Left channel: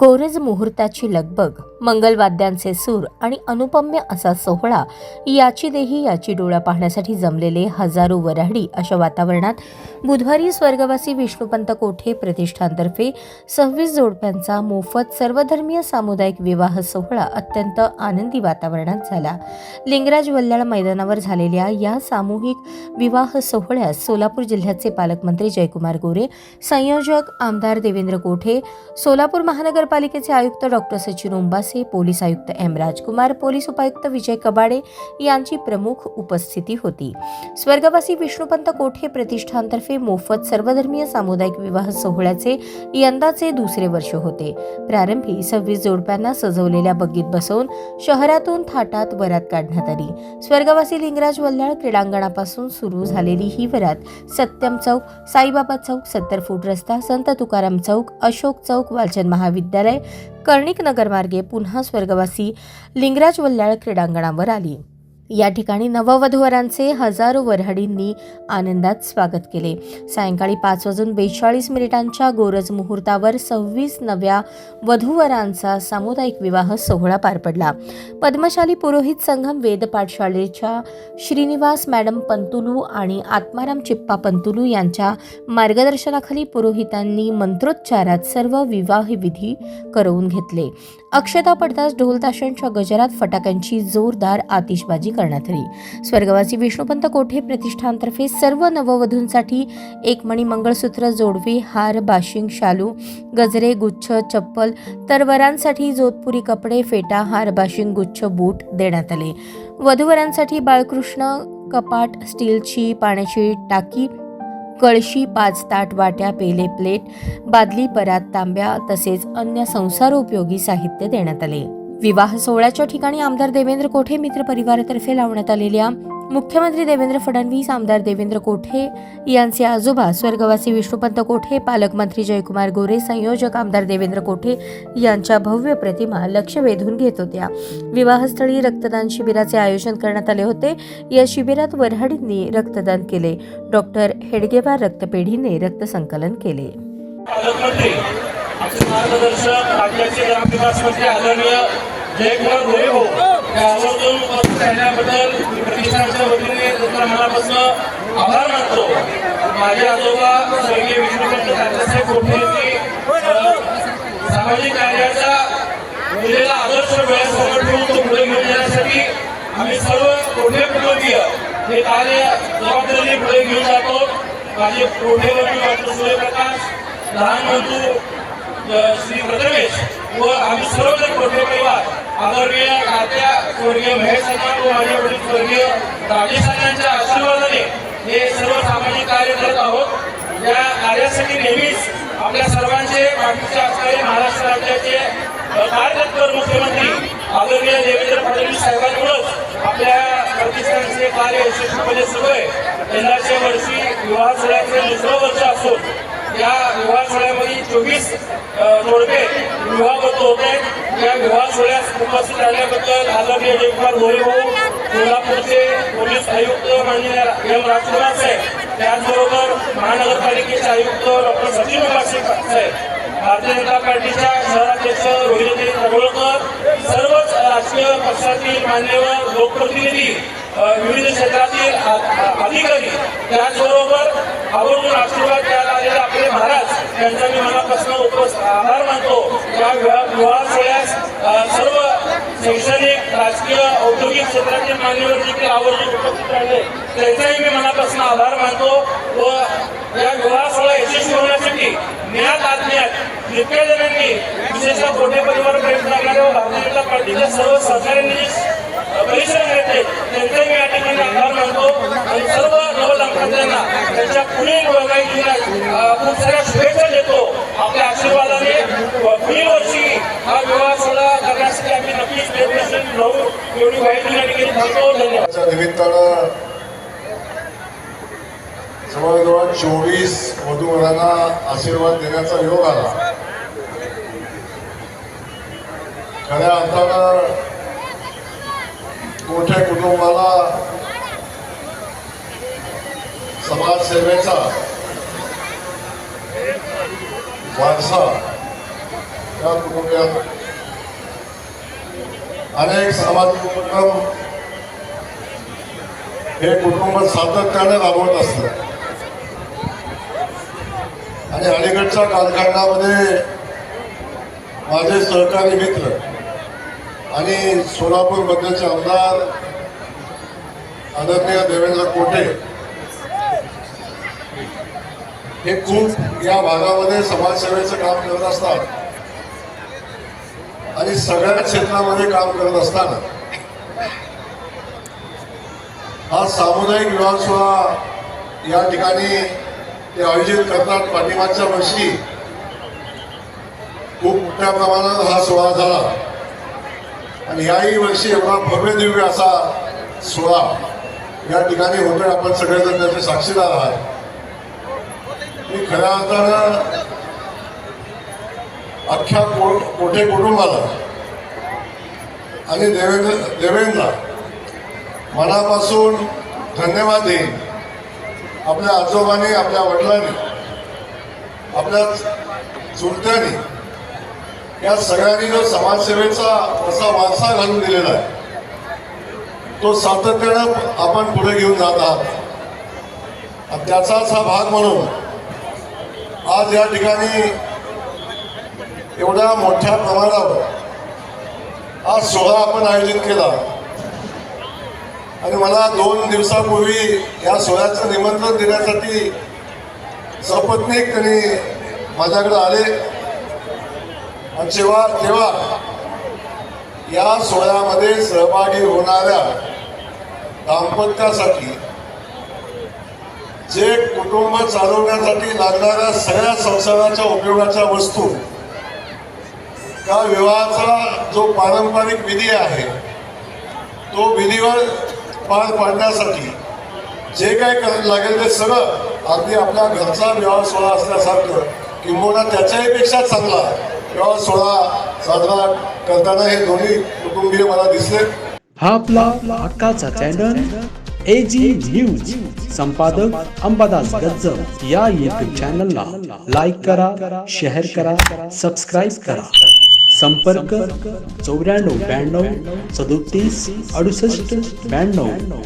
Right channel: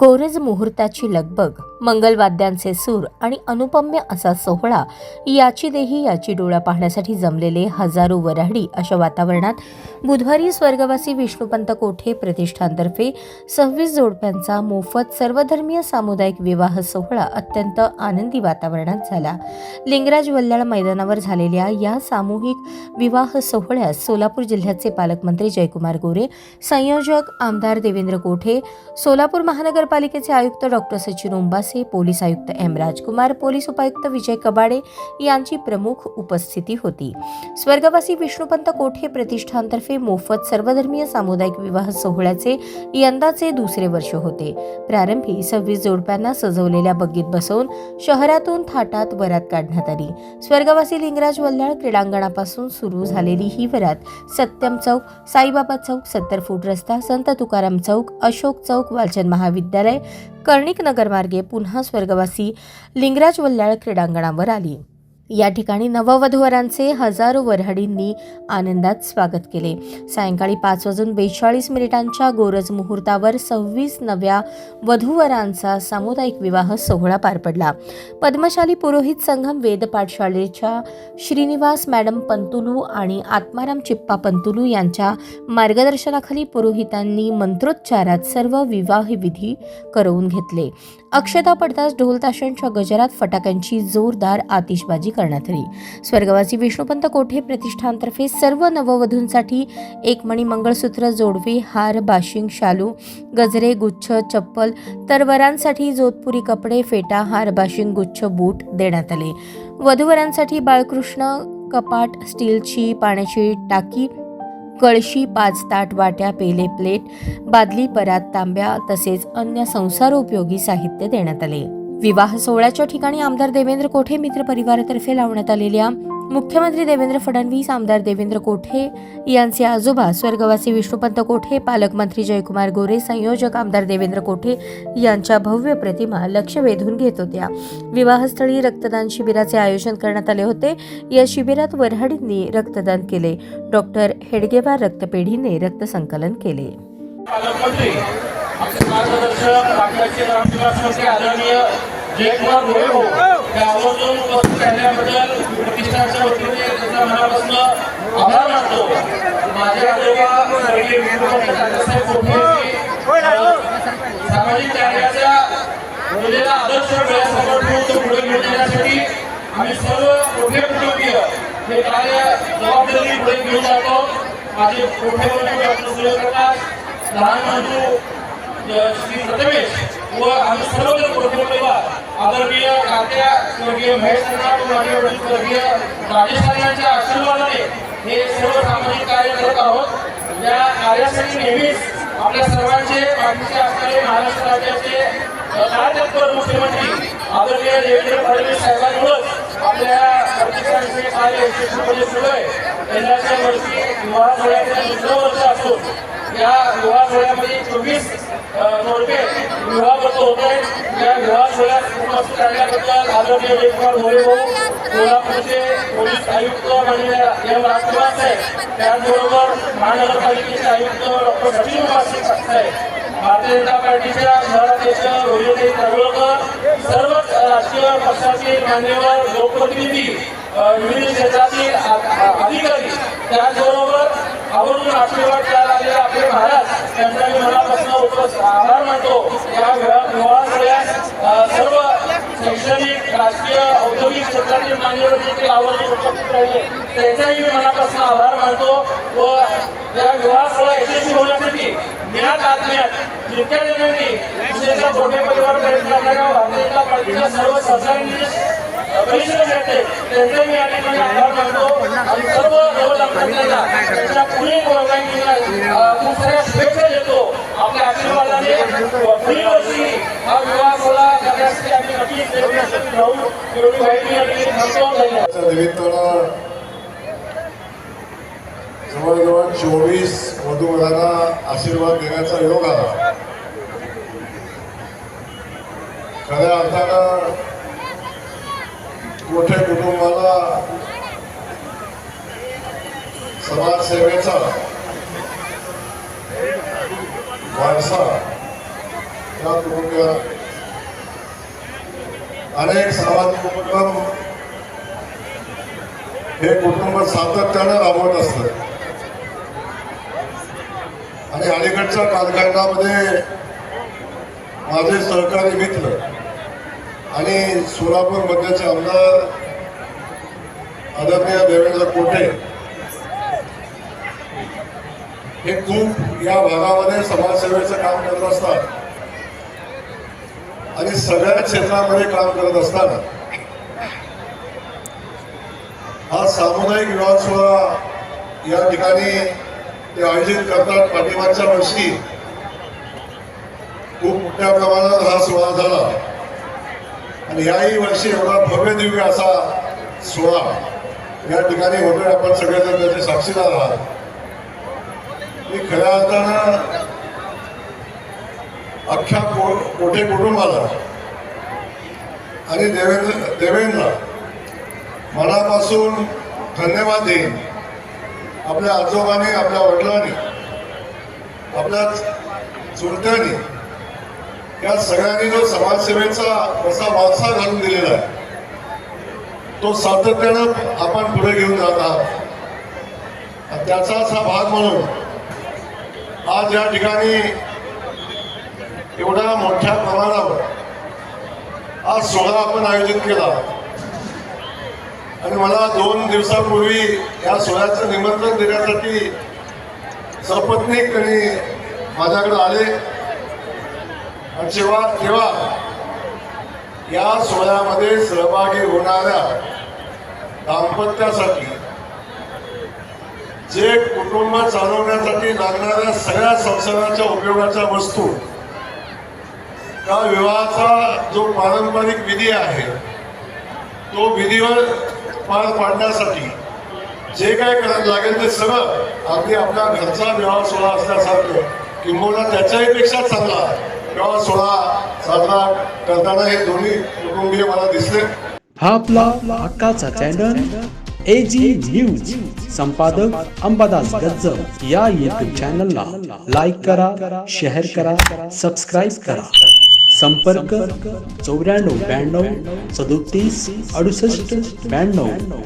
गोरज मुहूर्ताची लगबग, मंगलवाद्यांचे सूर आणि अनुपम्य असा सोहळा, याची देही याची डोळा पाहण्यासाठी जमलेले हजारो वऱ्हाडी अशा वातावरणात बुधवारी स्वर्गवासी विष्णुपंत कोठे प्रतिष्ठानतर्फे 26 जोडप्यांचा मोफत सर्वधर्मीय सामुदायिक विवाह सोहळा अत्यंत आनंदी वातावरणात झाला. लिंगराज वल्लाळ मैदानावर झालेल्या या सामूहिक विवाह सोहळ्यात सोलापूर जिल्ह्याचे पालकमंत्री जयकुमार गोरे, संयोजक आमदार देवेंद्र कोठे, सोलापूर महानगरपालिकेचे आयुक्त डॉक्टर सचिन ओंबासे, पोलीस आयुक्त एम राजकुमार, पोलीस उपायुक्त विजय कबाडे यांची प्रमुख उपस्थिती होती. स्वर्गवासी विष्णुपंत कोठे प्रतिष्ठानतर्फे मोफत सर्वधर्मीय सामुदायिक विवाह सोहळ्याचे यंदाचे दुसरे वर्ष होते. प्रारंभी 26 जोडप्यांना सजवलेल्या बग्गीत बसवून शहरातून थाटात वरात काढण्यात आली. स्वर्गवासी लिंगराज वल्लाळ क्रीडांगणापासून सुरू झालेली ही वरात सत्यम चौक, साईबाबा चौक, 70 फूट रस्ता, संत तुकाराम चौक, अशोक चौक, वालचंद महाविद्यालय, कर्णिक नगर मार्गे पुन्हा स्वर्गवासी लिंगराज वल्लाळ क्रीडांगणावर आली. या ठिकाणी नववधूवरांचे हजारो वऱ्हाडींनी आनंदात स्वागत केले. सायंकाळी 5:42 गोरज मुहूर्तावर 26 नव्या वधूवरांचा सामुदायिक विवाह सोहळा पार पडला. पद्मशाली पुरोहित संगम वेद पाठशाळेच्या श्रीनिवास मॅडम पंतुलू आणि आत्माराम चिप्पा पंतुलू यांच्या मार्गदर्शनाखाली पुरोहितांनी मंत्रोच्चारात सर्व विवाह विधी करवून घेतले. अक्षता पडताच ढोलताशांच्या गजरात फटाक्यांची जोरदार आतिषबाजी करण्यात आली. स्वर्गवासी विष्णुपंत कोठे प्रतिष्ठानतर्फे सर्व नववधूंसाठी एक मणी मंगळसूत्र, जोडवे, हार, बाशिंग, शालू, गजरे, गुच्छ, चप्पल, तर वरांसाठी जोधपुरी कपडे, फेटा, हार, बाशिंग, गुच्छ, बूट देण्यात आले. वधूवरांसाठी बाळकृष्ण कपाट, स्टीलची पाण्याची टाकी, कळशी, 5 ताट, वाट्या, पेले, प्लेट, बादली, परात, तांब्या तसेच अन्य संसारोपयोगी साहित्य देण्यात आले. विवाह सोहळ्याच्या ठिकाणी आमदार देवेंद्र कोठे मित्र परिवारातर्फे लावण्यात आलेल्या मुख्यमंत्री देवेंद्र फडणवीस, आमदार देवेंद्र कोठे यांचे आजोबा स्वर्गवासी विष्णुपंत कोठे, पालकमंत्री जयकुमार गोरे, संयोजक आमदार देवेंद्र कोठे यांच्या भव्य प्रतिमा लक्ष वेधून घेत होत्या. विवाहस्थळी रक्तदान शिबिराचे आयोजन करण्यात आले होते. या शिबिरात वऱ्हाडींनी रक्तदान केले. डॉक्टर हेडगेवार रक्तपेढीने रक्तसंकलन केले. प्रतिष्ठानच्या वतीने तुमच्या मनापासून आभार मानतो. माझ्या आजोबा स्वर्गीय विष्णुपंत कोठे सामाजिक कार्याचा मुलीला आदर्श वेळासमोर ठेवून तो पुढे घेऊन येण्यासाठी आम्ही सर्व कोठे कुटुंबीय हे कार्य जबाबदारी पुढे घेऊन जातो. माझे कोठे डॉक्टर सूर्यप्रकाश, लहान बंधू श्री प्रथमेश व आम्ही सर्वजण कोठे परिवार आदरणीय तात्या स्वर्गीय महेश व माझे वडील स्वर्गीय राजेश यांच्या आशीर्वादाने हे सर्व सामाजिक कार्य करत आहोत. या कार्यासाठी नेहमीच आपल्या सर्वांचे पाठीचे असणारे महाराष्ट्र राज्याचे कार्यतत्पर मुख्यमंत्री आदरणीय देवेंद्र फडणवीस साहेबांमुळेच आपल्या प्रतिष्ठानचे कार्य यशस्वीपणे सुरू आहे. यंदाच्या वर्षी विवाह सोहळ्याचे दुसरं वर्ष असून या विवाह सोहळ्यामध्ये 24 जोडपे विवाह करत होते. या विवाह सोहळ्यास उपस्थित राहिल्याबद्दल आदरणीय जयकुमार गोरे, सोलापूरचे पोलीस आयुक्त एम राजकुमार साहेब, त्याचबरोबर महानगरपालिकेचे आयुक्त डॉक्टर सचिन ओंबासे साहेब, भारतीय जनता पार्टीच्या शहराध्यक्ष रोहिणी तळवळकर, सर्वच राजकीय पक्षातील मान्यवर लोकप्रतिनिधी, विविध क्षेत्रातील अधिकारी, त्याचबरोबर आवर्जून आशीर्वाद द्यायला आलेले आपले महाराज यांचा मी मनापासून आभार मानतो. या विवाह सोहळ्यास सर्व शैक्षणिक, राजकीय, औद्योगिक क्षेत्रातील मान्यवर देखील आवर्जून उपस्थित राहिले त्यांचाही मी मनापासून आभार मानतो. व या विवाह सोहळा यशस्वी होण्यासाठी ज्ञात आत्म्यात जितक्या जणांनी विशेषतः कोठे परिवार प्रयत्न करणाऱ्या भारतीय जनता पार्टीच्या सर्व सहकाऱ्यांनी परिश्रम घेतले त्यांचे मी या ठिकाणी आभार मानतो. आणि सर्व नवदंपत्यांना त्यांच्या पुढील वर्गांना खूप साऱ्या शुभेच्छा देतो. आपल्या आशीर्वादाने पुढील वर्षी हा विवाह सोहळा करण्यासाठी आम्ही नक्कीच प्रयत्नशील राहू. एवढी माहिती या ठिकाणी थांबतो. धन्यवाद. जवळजवळ 24 वधूवरांना आशीर्वाद देण्याचा योग आला. खऱ्या अर्थानं कोठे कुटुंबाला समाजसेवेचा वारसा किंवा कुटुंबीय अनेक सामाजिक उपक्रम हे कुटुंब सातत्यानं राबवत असतं आणि अलीकडच्या कालखंडामध्ये माझे सहकारी मित्र आणि सोलापूर मध्यचे आमदार आदरणीय देवेंद्र कोटे हे खूप या भागामध्ये समाजसेवेचं काम करत असतात आणि सगळ्या क्षेत्रामध्ये काम करत असताना हा सामुदायिक विवाह सोहळा या ठिकाणी ते आयोजित करतात. पाठीमागच्या वर्षी खूप मोठ्या प्रमाणात हा सोहळा झाला आणि याही वर्षी एवढा भव्य दिव्य असा सोहळा या ठिकाणी होतोय. आपण सगळेजण त्याचे साक्षीदार आहात. मी खऱ्या अर्थानं अख्ख्या कोठे कुटुंबाला आणि देवेंद्र मनापासून धन्यवाद देईन. आपल्या आजोबांनी, आपल्या वडिलांनी, आपल्या चुलत्यांनी या सगळ्यांनी जो समाजसेवेचा असा वारसा घालून दिलेला आहे तो सातत्यानं आपण पुढे घेऊन जात आहात. त्याचाच हा भाग म्हणून आज या ठिकाणी एवढ्या मोठ्या प्रमाणावर आज सोहळा आपण आयोजित केला आणि मला 2 दिवसापूर्वी या सोहळ्याचं निमंत्रण देण्यासाठी सपत्नीक त्यांनी माझ्याकडे आले आणि तेव्हा या सोहळ्यामध्ये सहभागी होणाऱ्या दाम्पत्यासाठी जे कुटुंब चालवण्यासाठी लागणाऱ्या सगळ्या संसाराच्या उपयोगाच्या वस्तू का विवाहाचा जो पारंपरिक विधी आहे तो विधीवर पार पाडण्यासाठी जे काय करायला लागेल ते सगळं अगदी आपल्या घरचा विवाह सोहळा असल्यासारखं किंबहुना त्याच्याही पेक्षा चांगला विवाह सोहळा साजरा करताना हे दोन्ही कुटुंबीय मला दिसले. हा आपला हक्काचा चॅनल AG न्यूज संपादक अंबादास गज्जर या YouTube चॅनलला लाईक करा, शेअर करा, सबस्क्राईब करा. संपर्क 94 92 37 68 92.